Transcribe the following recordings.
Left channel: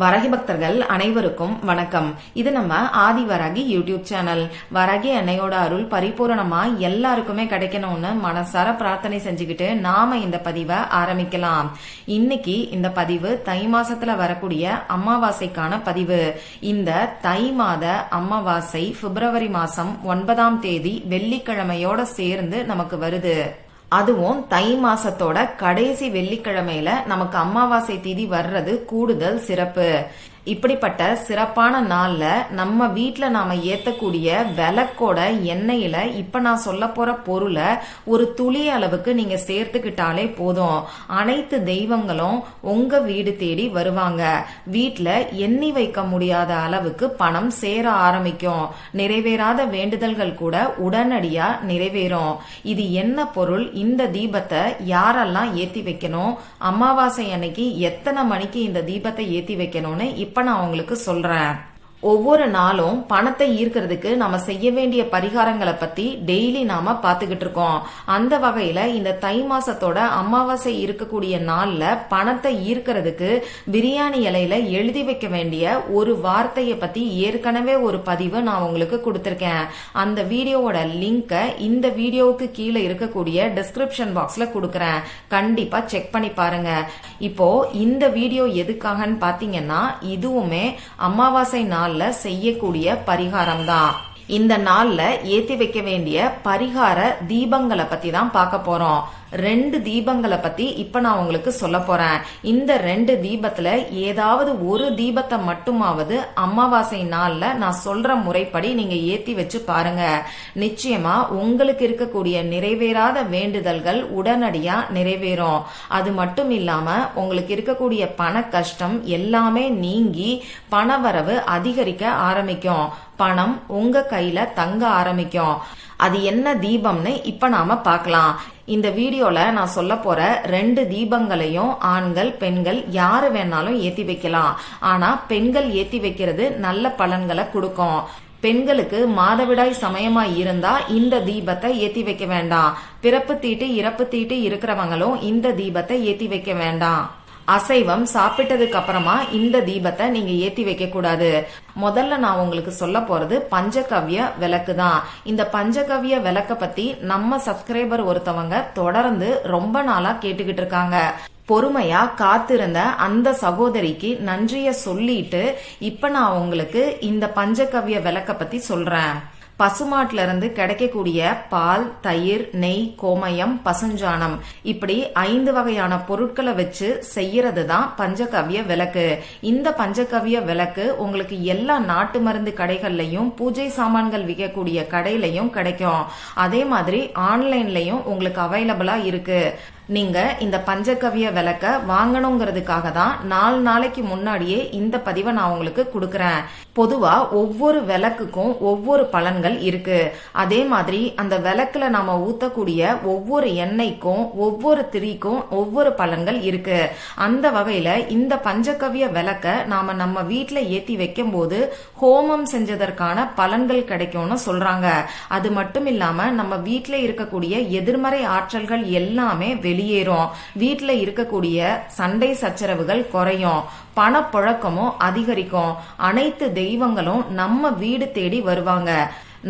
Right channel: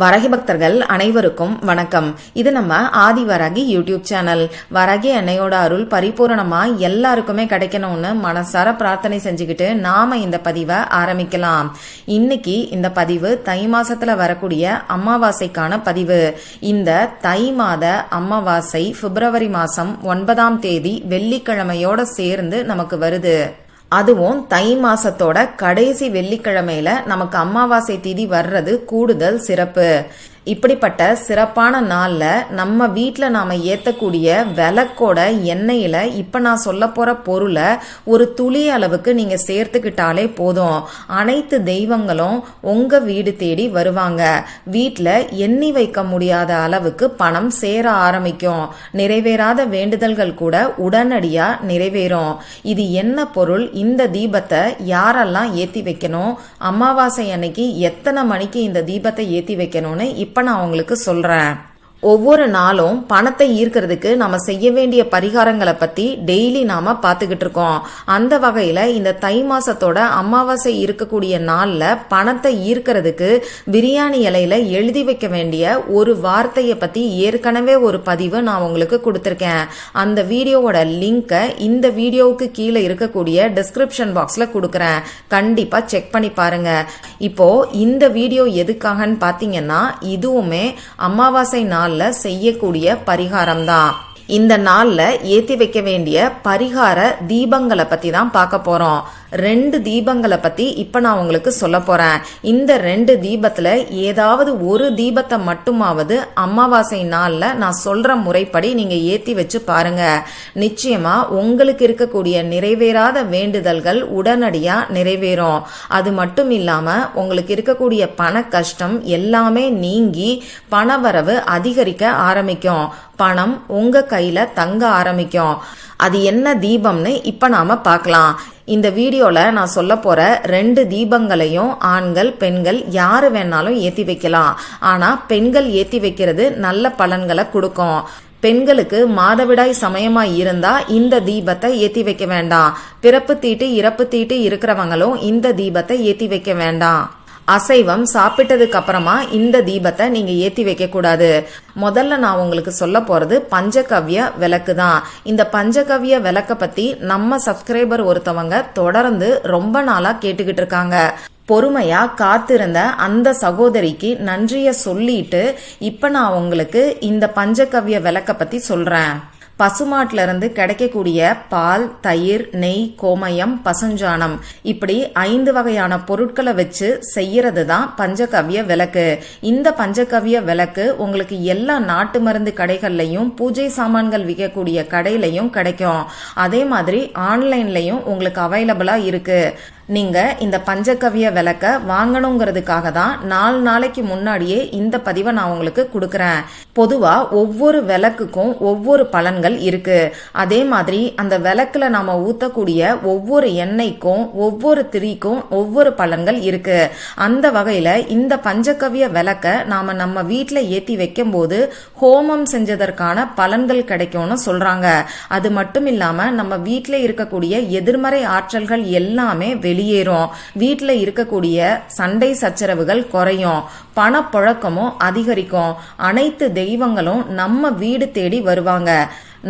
வராகி பக்தர்கள் அனைவருக்கும் வணக்கம். இது நம்ம ஆதி வராகி யூடியூப் சேனல். வராகி அன்னையோட அருள் பரிபூரணமா எல்லாருக்குமே கிடைக்கணும்னு மனசார பிரார்த்தனை செஞ்சுக்கிட்டு நாம இந்த பதிவை ஆரம்பிக்கலாம். இன்னைக்கு இந்த பதிவு தை மாசத்துல வரக்கூடிய அமாவாசைக்கான பதிவு. இந்த தை மாத அமாவாசை பிப்ரவரி மாசம் 9ஆம் தேதி வெள்ளிக்கிழமையோட சேர்ந்து நமக்கு வருது. அதுவும் தை மாசத்தோட கடைசி வெள்ளிக்கிழமையில நமக்கு அமாவாசை திதி வர்றது கூடுதல் சிறப்பு. இப்படிப்பட்ட சிறப்பான நாள்ல நம்ம வீட்டுல நாம ஏத்தக்கூடிய விளக்கோட எண்ணெயில இப்ப நான் சொல்ல போற பொருளை ஒரு துளி அளவுக்கு நீங்க சேர்த்துக்கிட்டாலே போதும். அனைத்து தெய்வங்களும் உங்க வீடு தேடி வருவாங்க. வீட்டுல எண்ணி வைக்க முடியாத அளவுக்கு பணம் சேர ஆரம்பிக்கும். நிறைவேறாத வேண்டுதல்கள் கூட உடனடியா நிறைவேறும். இது என்ன பொருள்? இந்த தீபத்தை யாரெல்லாம் ஏத்தி வைக்கணும், அமாவாசை அன்னைக்கு எத்தனை மணிக்கு இந்த தீபத்தை ஏத்தி வைக்கணும்னு இப்ப நான் உங்களுக்கு சொல்றேன். ஒவ்வொரு நாளும் பணத்தை ஈர்க்கிறதுக்கு நாம செய்ய வேண்டிய பரிகாரங்களை பத்தி டெய்லி நாம பாத்துக்கிட்டு இருக்கோம். அந்த வகையில இந்த தை மாசத்தோட அமாவாசை இருக்கக்கூடிய நாள்ல பணத்தை ஈர்க்கிறதுக்கு பிரியாணி இலையில எழுதி வைக்க வேண்டிய ஒரு வார்த்தையை பத்தி ஏற்கனவே ஒரு பதிவு நான் உங்களுக்கு கொடுத்திருக்கேன். அந்த வீடியோவோட லிங்கை இந்த வீடியோவுக்கு கீழே இருக்கக்கூடிய டிஸ்கிரிப்ஷன் பாக்ஸ்ல கொடுக்கறேன். கண்டிப்பா செக் பண்ணி பாருங்க. இப்போ இந்த வீடியோ எதுக்காகன்னு பாத்தீங்கன்னா, இதுவுமே அமாவாசை நாள் செய்யக்கூடிய பரிகாரம் தான். இந்த நாள்ல ஏத்தி வைக்க வேண்டிய பரிகார தீபங்களை பத்தி தான் பார்க்க போறோம். 2 தீபங்களை பத்தி இப்ப நான் உங்களுக்கு சொல்ல போறேன். இந்த 2 தீபத்துல ஏதாவது ஒரு தீபத்தை மட்டுமாவது அமாவாசை நாள்ல நான் சொல்ற முறைப்படி நீங்க ஏத்தி வச்சு பாருங்க. நிச்சயமா உங்களுக்கு இருக்கக்கூடிய நிறைவேறாத வேண்டுதல்கள் உடனடியா நிறைவேறும். அது மட்டும் இல்லாம உங்களுக்கு இருக்கக்கூடிய பண கஷ்டம் எல்லாமே நீங்கி பணவரவு அதிகரிக்க ஆரம்பிக்கும். பணம் உங்க கையில தங்க ஆரம்பிக்கும். அது என்ன தீபம்னு இப்ப நாம பார்க்கலாம். இந்த வீடியோல நான் சொல்ல போற 2 தீபங்களையும் ஆண்கள் பெண்கள் யாரு வேணாலும் ஏத்தி வைக்கலாம். ஆனா பெண்கள் ஏத்தி வைக்கிறது நல்ல பலன்களை கொடுக்கும். பெண்களுக்கு மாதவிடாய் சமயமா இருந்தா இந்த தீபத்தை ஏத்தி வைக்க வேண்டாம். பிறப்பு தீட்டு இறப்பு தீட்டு இருக்கிறவங்களும் இந்த தீபத்தை ஏத்தி வைக்க வேண்டாம். அசைவம் சாப்பிட்டதுக்கு அப்புறமா இந்த தீபத்தை நீங்க ஏத்தி வைக்க கூடாது. முதல்ல நான் உங்களுக்கு சொல்ல போறது பஞ்சகவ்ய விளக்கு தான். இந்த பஞ்சகவ்ய விளக்க பத்தி நம்ம சப்ஸ்கிரைபர் ஒருத்தவங்க தொடர்ந்து ரொம்ப நாளா கேட்டுக்கிட்டு இருக்காங்க. பொறுமையா காத்திருந்த அந்த சகோதரிக்கு நன்றிய சொல்லிட்டு இப்ப நான் உங்களுக்கு இந்த பஞ்சகவ்ய விளக்க பத்தி சொல்றேன். பசுமாட்டுல இருந்து கிடைக்கக்கூடிய பால், தயிர், நெய், கோமயம், பசுஞ்சாணம் இப்படி 5 வகையான பொருட்களை வச்சு செய்யறது தான் பஞ்சகவ்ய விளக்கு. இந்த பஞ்சகவ்ய விளக்கு உங்களுக்கு எல்லா நாட்டு மருந்து கடைகள்லயும் பூஜை சாமான்கள் விற்கக்கூடிய கடையிலையும் கிடைக்கும். அதே மாதிரி ஆன்லைன்லயும் உங்களுக்கு அவைலபிளா இருக்கு. நீங்க இந்த பஞ்சகவ்ய விளக்க வாங்கணுங்கிறதுக்காக தான் 4 நாளைக்கு முன்னாடியே இந்த பதிவை நான் உங்களுக்கு கொடுக்கறேன். பொதுவா ஒவ்வொரு விளக்குக்கும் ஒவ்வொரு பலன்கள் இருக்கு. அதே மாதிரி அந்த விளக்குல நாம ஊத்தக்கூடிய ஒவ்வொரு எண்ணெய்க்கும் ஒவ்வொரு திரிக்கும் ஒவ்வொரு பலன்கள் இருக்கு. அந்த வகையில இந்த பஞ்சகவ்ய விளக்க நாம நம்ம வீட்டுல ஏத்தி வைக்கும் போது ஹோமம் செஞ்சதற்கான பலன்கள் கிடைக்கும்னு சொல்றாங்க. அது மட்டும் இல்லாம நம்ம வீட்டுல இருக்கக்கூடிய எதிர்மறை ஆற்றல்கள் எல்லாமே வெளியேறும். வீட்டுல இருக்கக்கூடிய சண்டை சச்சரவுகள் குறையும். பணப்புழக்கமும் அதிகரிக்கும். அனைத்து தெய்வங்களும் நம்ம வீடு தேடி வருவாங்க.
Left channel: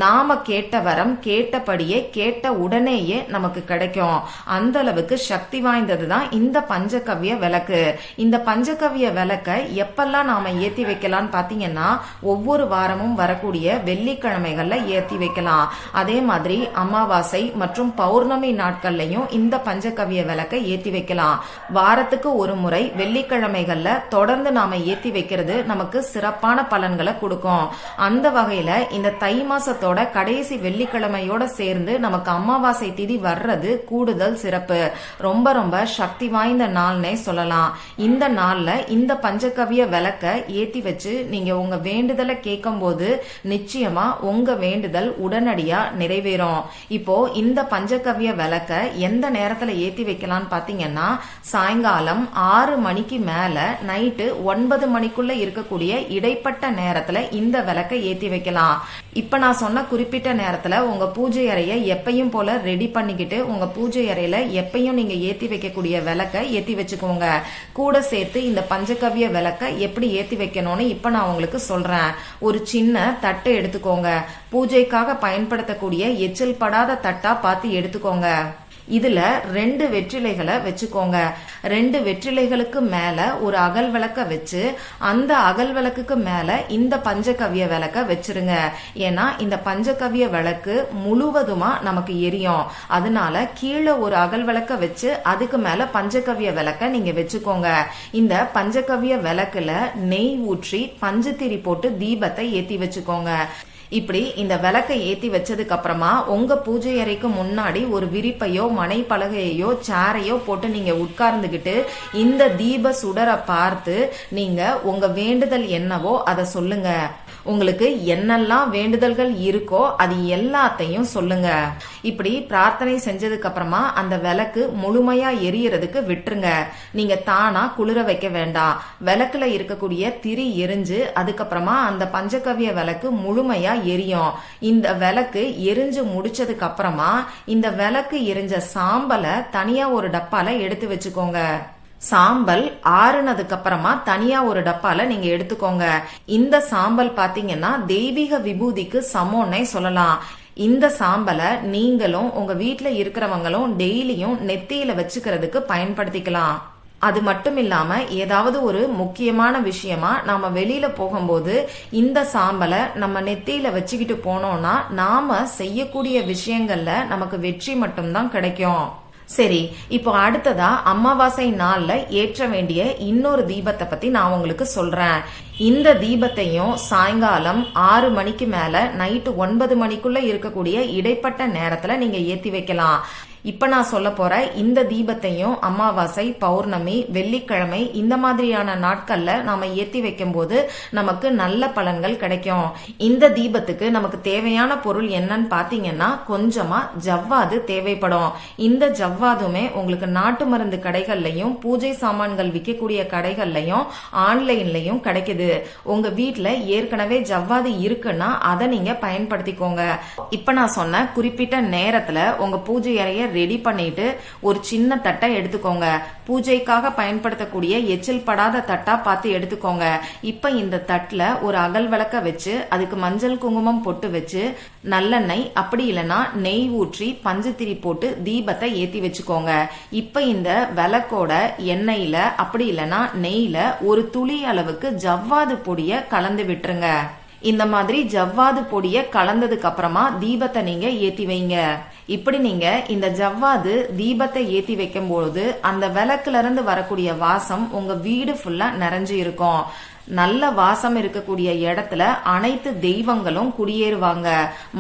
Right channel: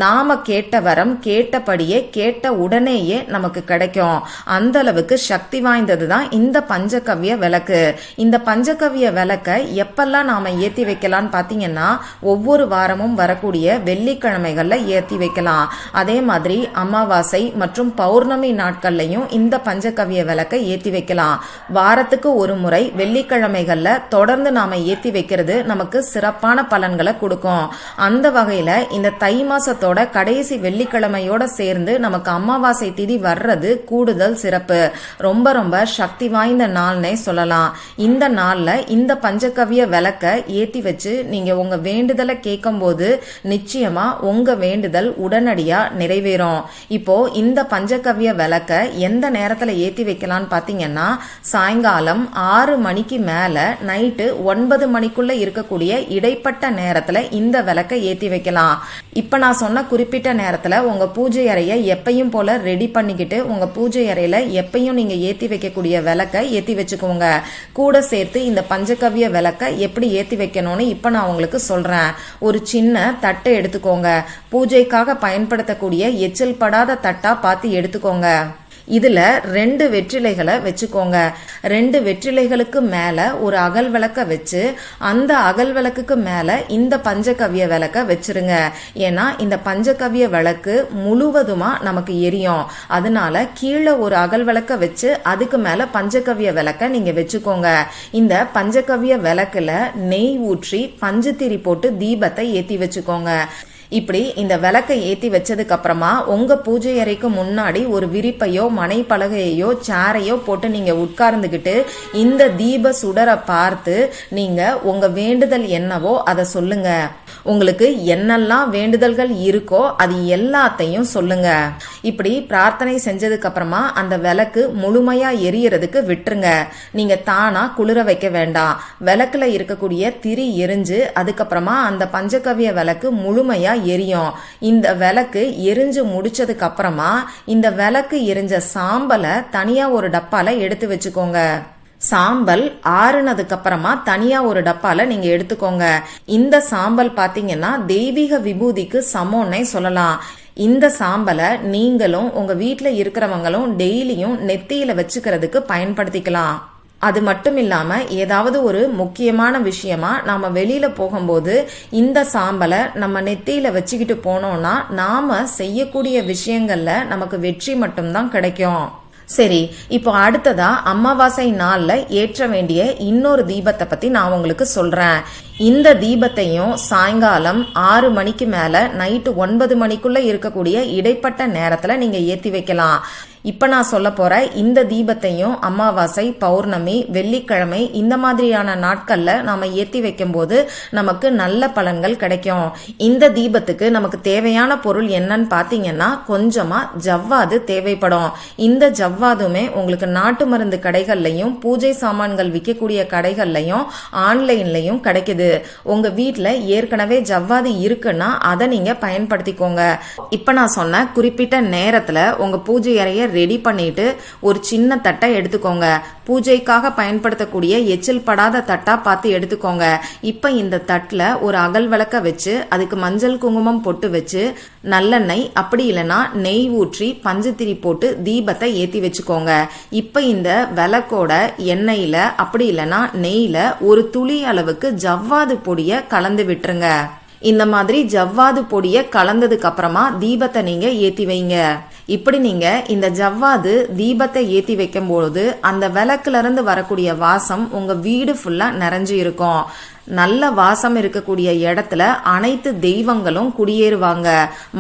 நாம கேட்ட வரம் கேட்டபடியே கேட்ட உடனேயே நமக்கு கிடைக்கும். அந்த அளவுக்கு சக்தி வாய்ந்ததுதான் இந்த பஞ்சகவ்ய விளக்கு. இந்த பஞ்சகவ்ய விளக்க எப்பெல்லாம் நாம ஏத்தி வைக்கலாம்னு பாத்தீங்கன்னா, ஒவ்வொரு வாரமும் வரக்கூடிய வெள்ளிக்கிழமைகள்ல ஏத்தி வைக்கலாம். அதே மாதிரி அமாவாசை மற்றும் பௌர்ணமி நாட்கள்லயும் இந்த பஞ்சகவ்ய விளக்க ஏத்தி வைக்கலாம். வாரத்துக்கு ஒரு முறை வெள்ளிக்கிழமைகள்ல தொடர்ந்து நாம ஏத்தி வைக்கிறது நமக்கு சிறப்பான பலன்களை கொடுக்கும். அந்த வகையில இந்த தை மாச கடைசி வெள்ளிக்கிழமையோட சேர்ந்து நமக்கு அமாவாசை திதி வர்றது கூடுதல் சிறப்பு. ரொம்ப ரொம்ப சக்தி வாய்ந்த நாள்னே சொல்லலாம். இந்த நாள்ல இந்த பஞ்சகவ்ய விளக்க ஏத்தி வச்சு நீங்க உங்க வேண்டுதலை கேட்கும் போது நிச்சயமா உங்க வேண்டுதல் உடனடியா நிறைவேறும். இப்போ இந்த பஞ்சகவ்ய விளக்க எந்த நேரத்துல ஏத்தி வைக்கலாம்னு பாத்தீங்கன்னா, சாயங்காலம் 6 மணிக்கு மேல நைட்டு 9 மணிக்குள்ள இருக்கக்கூடிய இடைப்பட்ட நேரத்துல இந்த விளக்க ஏத்தி வைக்கலாம். இப்ப நான் சொன்ன குறிப்பிட்ட நேரத்துல உங்க பூஜை அறைய எப்பயும் போல ரெடி பண்ணிக்கிட்டு உங்க பூஜை அறையில எப்பயும் நீங்க ஏத்தி வைக்கக்கூடிய விளக்க ஏத்தி வச்சுக்கோங்க. கூட சேர்த்து இந்த பஞ்சகவ்ய விளக்க எப்படி ஏத்தி வைக்கணும்னு இப்ப நான் உங்களுக்கு சொல்றேன். ஒரு சின்ன தட்டை எடுத்துக்கோங்க. பூஜைக்காக பயன்படுத்தக்கூடிய எச்சில் படாத தட்டா பார்த்து எடுத்துக்கோங்க. இதுல 2 வெற்றிலைகளை வச்சுக்கோங்க. 2 வெற்றிலைகளுக்கு மேல ஒரு அகல் விளக்க வச்சு அந்த அகல் விளக்குக்கு மேல இந்த பஞ்சகவ்ய விளக்க வச்சிருங்க. ஏன்னா இந்த பஞ்சகவ்ய விளக்கு முழுவதுமா நமக்கு எரியும். அதனால கீழே ஒரு அகல் விளக்க வச்சு அதுக்கு மேல பஞ்சகவ்ய விளக்க நீங்க வச்சுக்கோங்க. இந்த பஞ்சகவ்ய விளக்குல நெய் ஊற்றி பஞ்சுத்திரி போட்டு தீபத்தை ஏத்தி வச்சுக்கோங்க. இப்படி இந்த விளக்கை ஏத்தி வச்சதுக்கு அப்புறமா உங்க பூஜை அறைக்கு முன்னாடி ஒரு விரிப்பையோ மனை பலகையோ சேரையோ போட்டு நீங்க உட்கார்ந்துகிட்டு இந்த தீப சுடரை பார்த்து நீங்க உங்க வேண்டுதல் என்னவோ அதை சொல்லுங்க. உங்களுக்கு என்னெல்லாம் வேண்டுதல்கள் இருக்கோ அது எல்லாத்தையும் சொல்லுங்க. இப்படி பிரார்த்தனை செஞ்சதுக்கு அப்புறமா அந்த விளக்கு முழுமையா எரியறதுக்கு விட்டுருங்க. நீங்க தானா குளிர வைக்க வேண்டாம். விளக்குல இருக்கக்கூடிய திரி எரிஞ்சு அதுக்கப்புறமா அந்த பஞ்சகவ்ய விளக்கு முழுமையா எரியும். இந்த விளக்கு எரிஞ்சு முடிச்சதுக்கு அப்புறமா இந்த விளக்கு எரிஞ்ச சாம்பலை தனியா ஒரு டப்பால எடுத்து வச்சுக்கோங்க. சாம்பல் ஆறுனதுக்கு அப்புறமா தனியா ஒரு டப்பால நீங்க எடுத்துக்கோங்க. இந்த சாம்பல் பாத்தீங்கன்னா தெய்வீக விபூதிக்கு சமம்னே சொல்லலாம். இந்த சாம்பலை நீங்களும் உங்க வீட்டுல இருக்கிறவங்களும் டெய்லியும் நெத்தியில வச்சுக்கிறதுக்கு பயன்படுத்திக்கலாம். அது மட்டும் இல்லாம ஏதாவது ஒரு முக்கியமான விஷயமா நாம வெளியில போகும்போது இந்த சாம்பலை நம்ம நெத்தியில வச்சுக்கிட்டு போனோம்னா நாம செய்யக்கூடிய விஷயங்கள்ல நமக்கு வெற்றி மட்டும்தான் கிடைக்கும். சரி, இப்போ அடுத்ததா அமாவாசை நாள்ல ஏற்ற வேண்டிய இன்னொரு தீபத்தை பத்தி நான் உங்களுக்கு சொல்றேன். இந்த தீபத்தையும் சாயங்காலம் 6 மணிக்கு மேல நைட்டு 9 மணிக்குள்ள இருக்கக்கூடிய இடைப்பட்ட நேரத்துல நீங்க ஏத்தி வைக்கலாம். இப்ப நான் சொல்ல போற இந்த தீபத்தையும் அமாவாசை, பௌர்ணமி, வெள்ளிக்கிழமை இந்த மாதிரியான நாட்கள்ல நாம ஏத்தி வைக்கும் போது நமக்கு நல்ல பலன்கள் கிடைக்கும். இந்த தீபத்துக்கு நமக்கு தேவையான பொருள் என்னன்னு பாத்தீங்கன்னா கொஞ்சமா ஜவ்வாது தேவைப்படும். இந்த ஜவ்வாதுமே உங்களுக்கு நாட்டு மருந்து கடைகள்லயும் பூஜை சாமான்கள் விற்கக்கூடிய கடைகள்லயும் ஆன்லைன்லயும் கிடைக்குது. உங்க வீட்டுல ஏற்கனவே ஜவ்வாது இருக்குன்னா அதை நீங்க பயன்படுத்திக்கோங்க. இப்ப நான் சொன்ன குறிப்பிட்ட நேரத்துல உங்க பூஜை அறைய ரெடி பண்ணிட்டு ஒரு சின்ன தட்டை எடுத்துக்கோங்க. பூஜைக்காக பயன்படுத்தக்கூடிய எச்சில் படாத தட்டா பார்த்து எடுத்துக்கோங்க. இப்ப இந்த தட்டுல ஒரு அகல் விளக்க வச்சு அதுக்கு மஞ்சள் குங்குமம் பொட்டு வச்சு நல்லெண்ணெய் அப்படி இல்லைன்னா நெய் ஊற்றி பஞ்சுத்திரி போட்டு தீபத்தை ஏத்தி வச்சுக்கோங்க. இப்ப இந்த விளக்கோட எண்ணெயில அப்படி இல்லைன்னா நெய்ல ஒரு துளி அளவுக்கு ஜவ்வாது பொடிய கலந்து விட்டுருங்க. இந்த மாதிரி ஜவ்வாது பொடிய கலந்ததுக்கு அப்புறமா தீபத்தை நீங்க ஏத்தி வைங்க. இப்படி நீங்க இந்த ஜவ்வாது தீபத்தை ஏத்தி வைக்கும் பொழுது அந்த விளக்குல இருந்து வரக்கூடிய வாசம் உங்க வீடு ஃபுல்லா நிறைஞ்சு இருக்கும். நல்ல வாசம் இருக்கக்கூடிய இடத்துல அனைத்து தெய்வங்களும் குடியேறுவாங்க.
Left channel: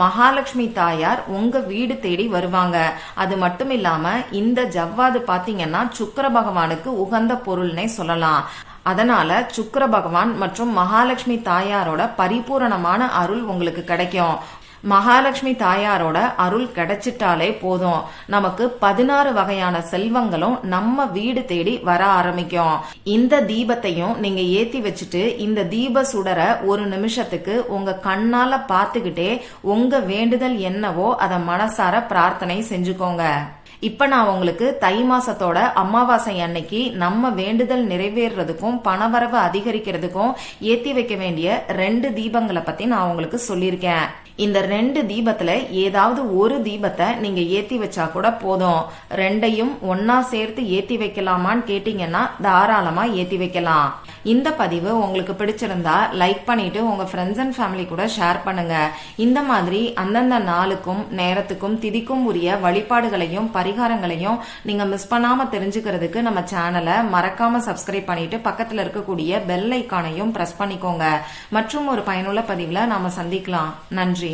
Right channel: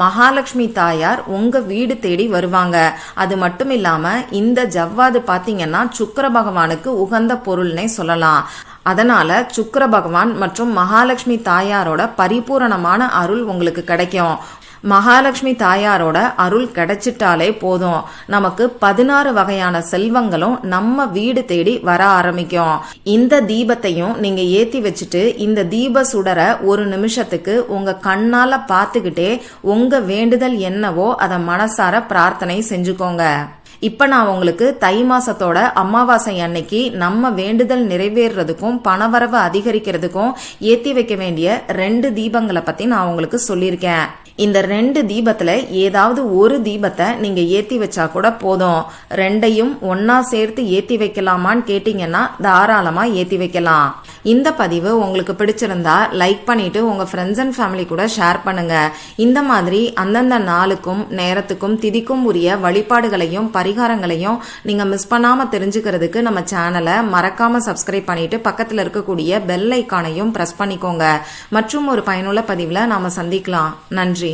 மகாலட்சுமி தாயார் உங்க வீடு தேடி வருவாங்க. அது மட்டும் இல்லாம இந்த ஜவ்வாது பாத்தீங்கன்னா சுக்கிர பகவானுக்கு உகந்த பொருள்னே சொல்லலாம். அதனால சுக்கிர பகவான் மற்றும் மகாலட்சுமி தாயாரோட பரிபூரணமான அருள் உங்களுக்கு கிடைக்கும். மகாலட்சுமி தாயாரோட அருள் கிடைச்சிட்டாலே போதும், நமக்கு 16 வகையான செல்வங்களும் நம்ம வீடு தேடி வர ஆரம்பிக்கும். இந்த தீபத்தையும் நீங்க ஏத்தி வச்சுட்டு இந்த தீப சுடர ஒரு நிமிஷத்துக்கு உங்க கண்ணால பாத்துக்கிட்டே உங்க வேண்டுதல் என்னவோ அதை மனசார பிரார்த்தனை செஞ்சுக்கோங்க. இப்ப நான் உங்களுக்கு தை மாசத்தோட அமாவாசை அன்னைக்கு நம்ம வேண்டுதல் நிறைவேறதுக்கும் பணவரவு அதிகரிக்கிறதுக்கும் ஏத்தி வைக்க வேண்டிய 2 தீபங்களை பத்தி நான் உங்களுக்கு சொல்லியிருக்கேன். இந்த 2 தீபத்துல ஏதாவது ஒரு தீபத்தை நீங்க ஏத்தி வச்சா கூட போதும். 2ஐயும் ஒன்னா சேர்த்து ஏத்தி வைக்கலாமான்னு கேட்டீங்கன்னா தாராளமா ஏத்தி வைக்கலாம். இந்த பதிவு உங்களுக்கு பிடிச்சிருந்தா லைக் பண்ணிட்டு உங்க ஃப்ரெண்ட்ஸ் அண்ட் ஃபேமிலி கூட ஷேர் பண்ணுங்க. இந்த மாதிரி அந்தந்த நாளுக்கும் நேரத்துக்கும் திதிக்கும் உரிய வழிபாடுகளையும் பரிகாரங்களையும் நீங்க மிஸ் பண்ணாம தெரிஞ்சுக்கிறதுக்கு நம்ம சேனலை மறக்காம சப்ஸ்கிரைப் பண்ணிட்டு பக்கத்துல இருக்கக்கூடிய பெல் ஐக்கானையும் பிரஸ் பண்ணிக்கோங்க. மற்றும் ஒரு பயனுள்ள பதிவுல நாம சந்திக்கலாம். நன்றி.